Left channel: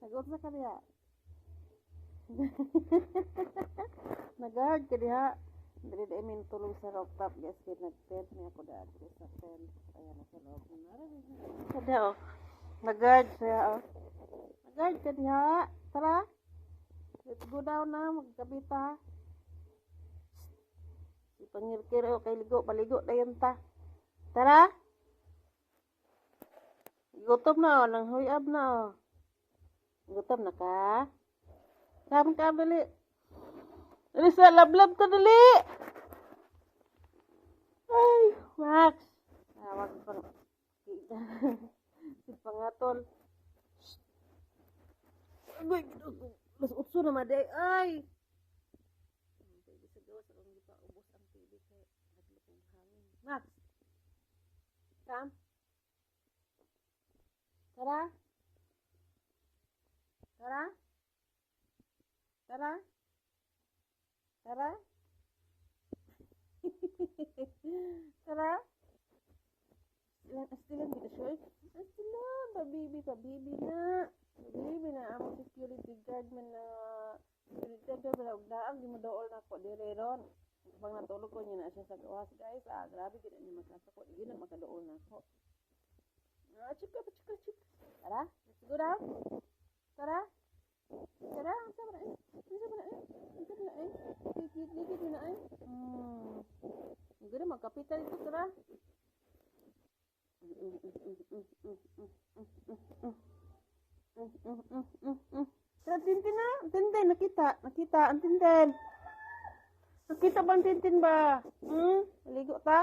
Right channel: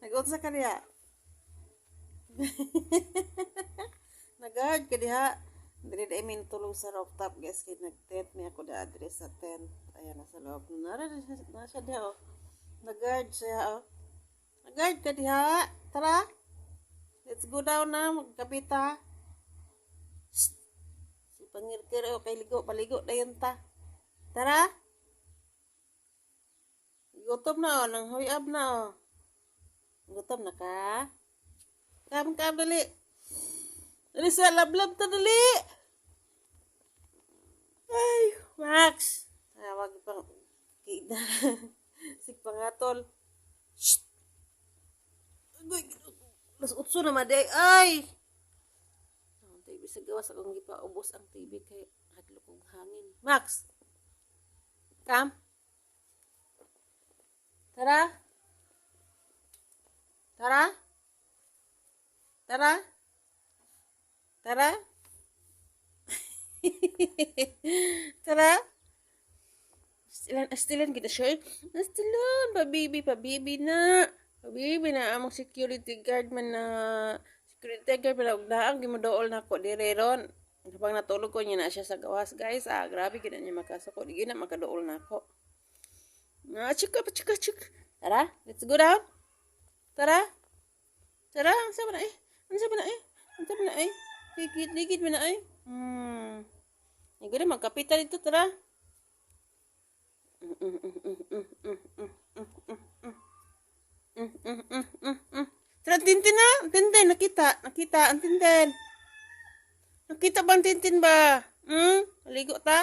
Nag-unsa ka diha? Nag-guard ka diha. Dili na imin tulong sa rooftop guys. Kaya nag-tent mi ako da address sa tent. Ayan, nasa loob. Nasa diha oh. Nag-guard siya oh. Nag-guard ka diha. Tara. Let's go down na. Magkabita. Si pangirkir oh. Kay ligo. Paligo na yun ta. Tara. Gutom na oh. Nang huyab na oh. Gutom na ka? Kam dali. Dali sa lablab ta dali. Ay, Max. Wag pang kita. Si pangatol. Shh. Agoy, mas utso na maday. Ay. Ang TV sa gawas akong gipaubos ang TV kay hadlok og hangin. Max. Kam. Tara. Tara. Tara. Tara. Tara. Astilan kita siya. Astilan. Pabibi na. Pabibi na. Amang security guard man na. Security guard man na. Ugdaang gimudool na ako. Direron. Kapag natulog ko niya na siya sa gawas. Guys, grabe gina niya makasako. Di gina makadool na ako. Chika. Tara. Let's go down. Tara. Tara. Ang sabi na eh. Ligid mo na ay. Hindi na magkapitan ito, tara. Tara, Tintin na. Tintin, nakita. Ang Tintin. Nakita ba ang Tintin ba? Ligo ta?